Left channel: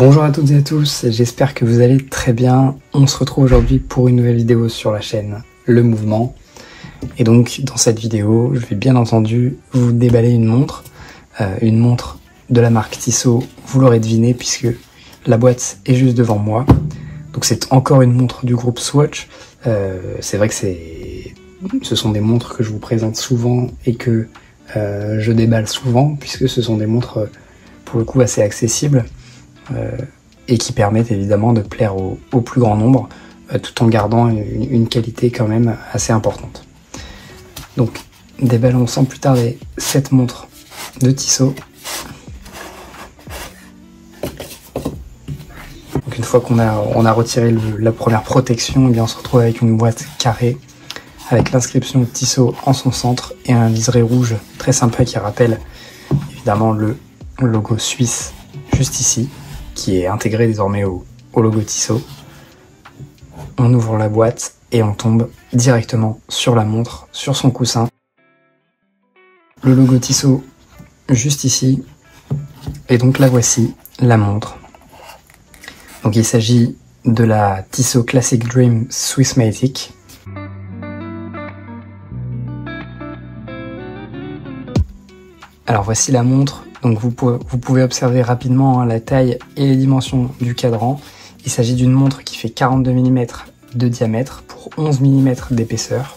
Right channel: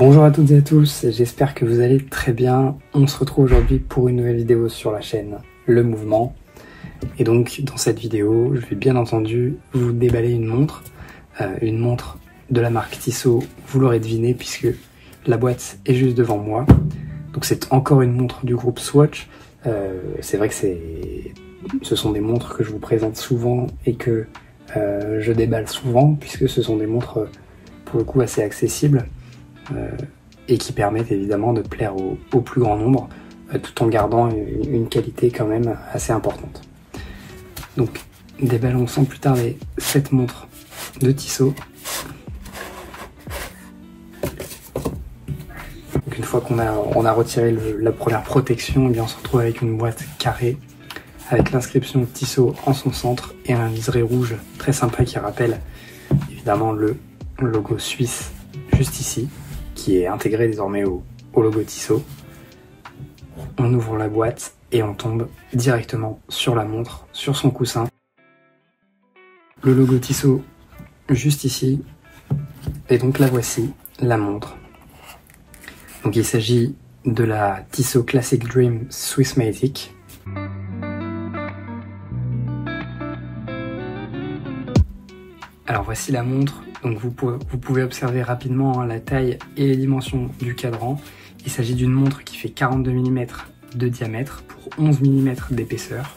Bonjour à toutes et à tous, j'espère que vous allez très bien. On se retrouve aujourd'hui pour une nouvelle vidéo sur la chaîne Le Mouvement. Et donc dans cette vidéo, je vais bien entendu vous déballer une montre de la marque Tissot, vous l'aurez deviné puisque la boîte est juste devant moi. Donc c'est encore une montre du groupe Swatch. C'est vrai que ce sont des montres que je vous présente souvent et que je déballe souvent puisque ce sont des montres pour le coup assez accessibles. Et qui permettent évidemment de plaire au plus grand nombre tout en gardant une qualité quand même assez importante. Donc déballons sans plus tarder cette montre de Tissot. Donc une fois qu'on a retiré la première protection, eh bien, on se retrouve avec une boîte carrée avec l'inscription Tissot en son centre et un liseré rouge très sympa qui rappelle évidemment le logo suisse juste ici, qui est intégré désormais au logo Tissot. On ouvre la boîte et on tombe directement sur la montre, sur son coussin. Le logo Tissot juste ici. Et donc la voici, la montre. Donc il s'agit de la Tissot Classic Dream Swissmatic. Alors voici la montre. Donc vous pouvez observer rapidement la taille et les dimensions du cadran. Il s'agit d'une montre qui fait 42 mm de diamètre pour 11 mm d'épaisseur.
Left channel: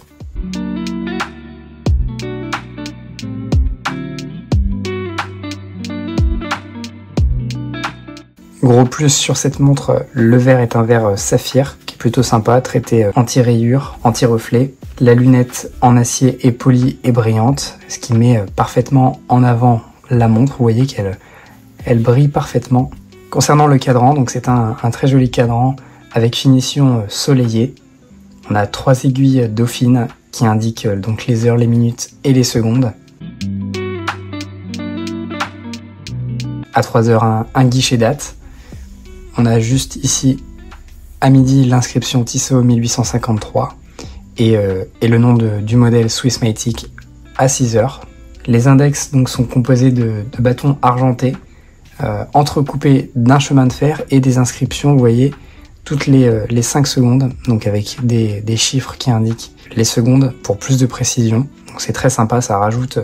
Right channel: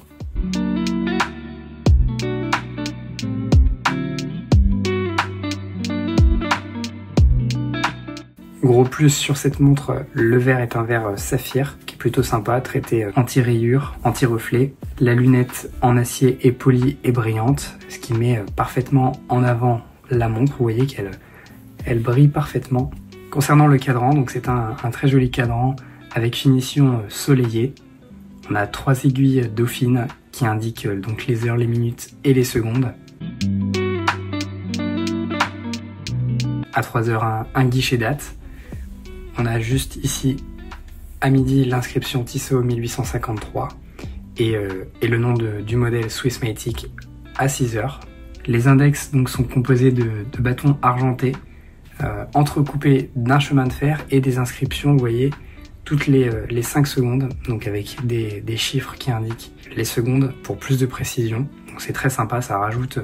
Gros plus sur cette montre, le verre est un verre saphir qui est plutôt sympa, traité anti-rayures, anti-reflet. La lunette en acier est polie et brillante, ce qui met parfaitement en avant la montre. Vous voyez qu'elle brille parfaitement. Concernant le cadran, donc c'est un très joli cadran avec finition soleillée. On a 3 aiguilles dauphines qui indiquent donc les heures, les minutes et les secondes. À 3 heures, un guichet date. On a juste ici à midi l'inscription Tissot 1853 et le nom du modèle Swissmatic à 6 heures. Les index donc sont composés de bâtons argentés entrecoupés d'un chemin de fer et des inscriptions, vous voyez, toutes les 5 secondes, donc avec des chiffres qui indiquent les secondes pour plus de précision. Donc c'est très sympa, ça rajoute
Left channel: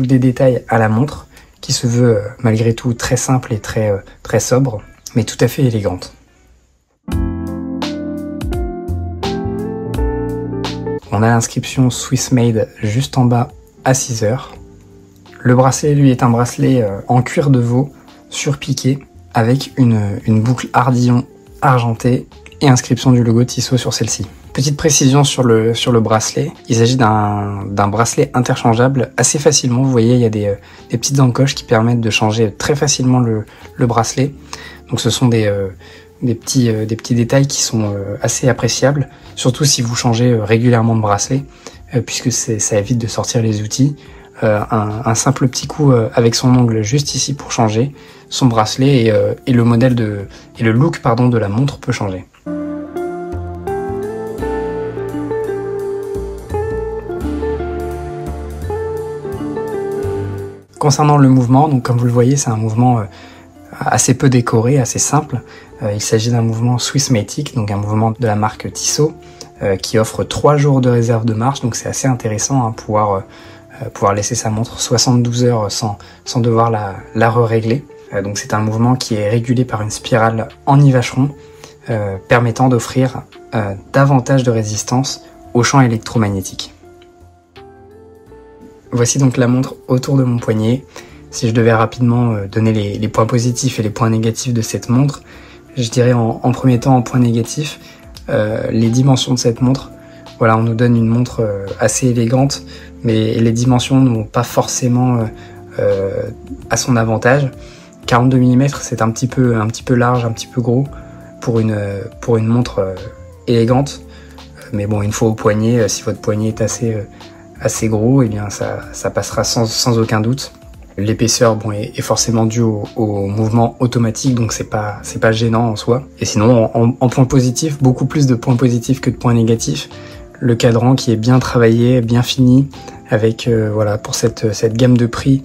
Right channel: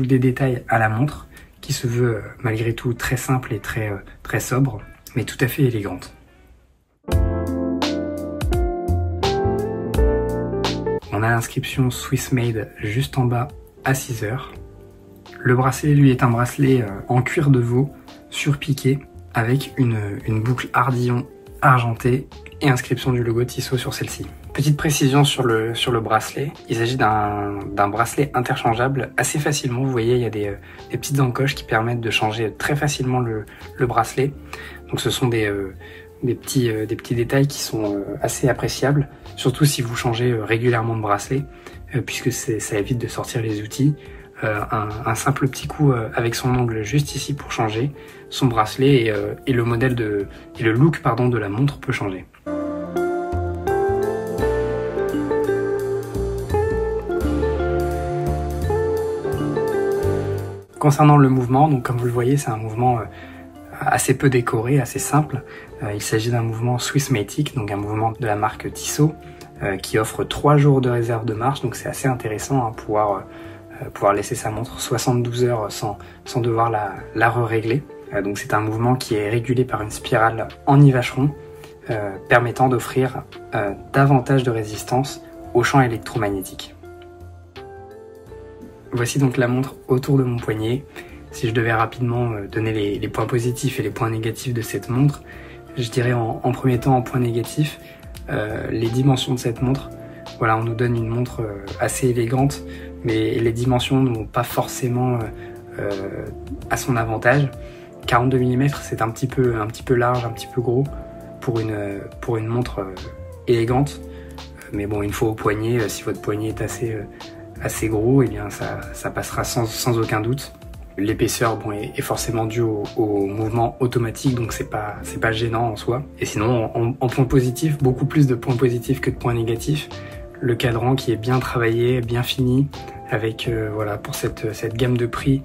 des détails à la montre qui se veut malgré tout très simple et très sobre, mais tout à fait élégante. On a l'inscription Swiss Made juste en bas à 6 heures. Le bracelet, lui, est un bracelet en cuir de veau surpiqué avec une boucle ardillon argentée et inscription du logo Tissot sur celle-ci. Petite précision sur le bracelet, il s'agit d'un bracelet interchangeable assez facilement. Vous voyez, il y a des petites encoches qui permettent de changer très facilement le bracelet. Donc ce sont des petits détails qui sont assez appréciables, surtout si vous changez régulièrement de bracelet, puisque ça évite de sortir les outils. Un simple petit coup avec son ongle juste ici pour changer son bracelet et le modèle et le look de la montre peut changer. Concernant le mouvement, donc comme vous le voyez, c'est un mouvement assez peu décoré, assez simple. Il s'agit d'un mouvement Swissmatic, donc un mouvement de la marque Tissot qui offre 3 jours de réserve de marche, donc c'est assez intéressant pouvoir laisser sa montre 72 heures sans devoir la régler. Donc c'est un mouvement qui est régulé par une spirale en nivachron permettant d'offrir davantage de résistance aux champs électromagnétiques. Voici donc la montre autour de mon poignet. Si je devais rapidement donner les points positifs et les points négatifs de cette montre, je dirais en premier temps en point négatif, les dimensions de cette montre. Voilà, on nous donne une montre assez élégante, mais les dimensions ne vont pas forcément à son avantage. 42 mm, c'est un petit peu large, un petit peu gros pour une montre élégante. Mais bon, une fois au poignet, si votre poignet est assez gros, eh bien ça passera sans aucun doute. L'épaisseur est forcément due au mouvement automatique, donc c'est pas gênant en soi. Et sinon, en point positif, beaucoup plus de points positifs que de points négatifs. Le cadran qui est bien travaillé, bien fini, avec voilà, pour cette gamme de prix,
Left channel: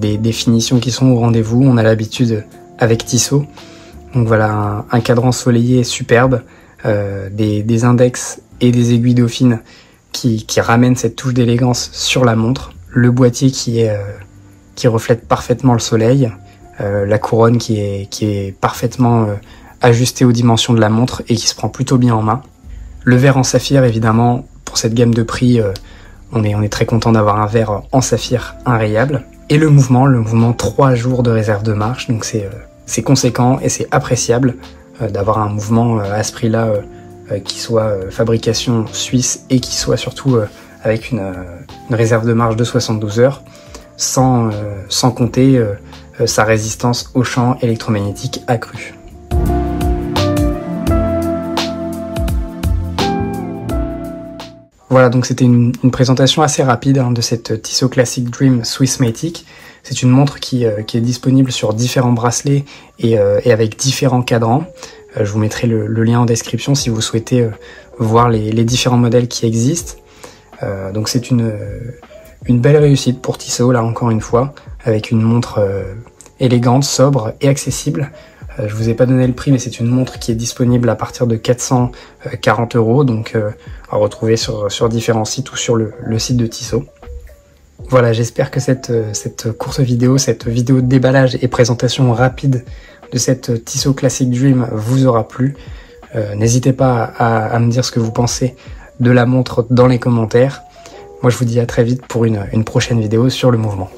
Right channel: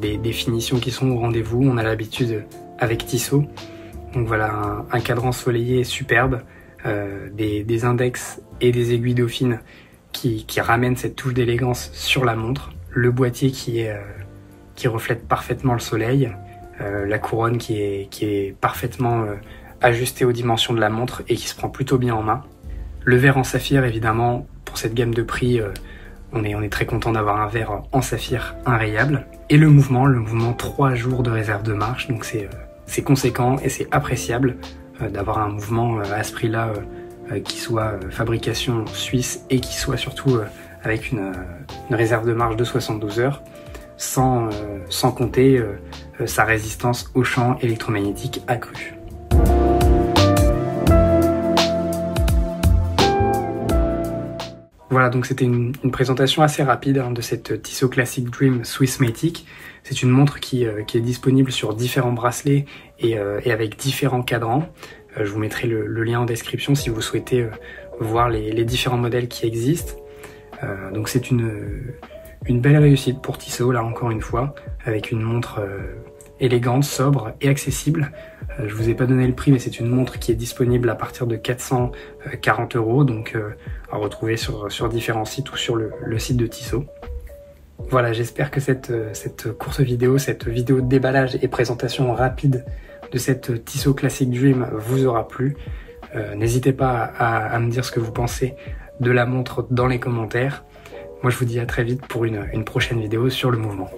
des finitions qui sont au rendez-vous. On a l'habitude avec Tissot. Donc voilà, un cadran ensoleillé superbe, des index et des aiguilles dauphines qui ramènent cette touche d'élégance sur la montre, le boîtier qui reflète parfaitement le soleil, la couronne qui est parfaitement ajustée aux dimensions de la montre et qui se prend plutôt bien en main. Le verre en saphir, évidemment, pour cette gamme de prix, on est très content d'avoir un verre en saphir inrayable. Et le mouvement 3 jours de réserve de marche, donc c'est conséquent et c'est appréciable d'avoir un mouvement à ce prix-là qui soit fabrication suisse et qui soit surtout avec une réserve de marche de 72 heures, sans compter sa résistance au champ électromagnétique accru. Voilà, donc c'était une présentation assez rapide de cette Tissot Classic Dream Swissmatic. C'est une montre qui est disponible sur différents bracelets et avec différents cadrans. Je vous mettrai le lien en description si vous souhaitez voir les différents modèles qui existent. Donc c'est une belle réussite pour Tissot, là encore une fois, avec une montre élégante, sobre et accessible. Je vous ai pas donné le prix, mais c'est une montre qui est disponible à partir de 440 €, donc à retrouver sur différents sites ou sur le site de Tissot. Voilà, j'espère que cette courte vidéo, cette vidéo de déballage et présentation rapide de cette Tissot Classic Dream vous aura plu. N'hésitez pas à me dire ce que vous pensez de la montre dans les commentaires. Moi je vous dis à très vite pour une prochaine vidéo sur le mouvement.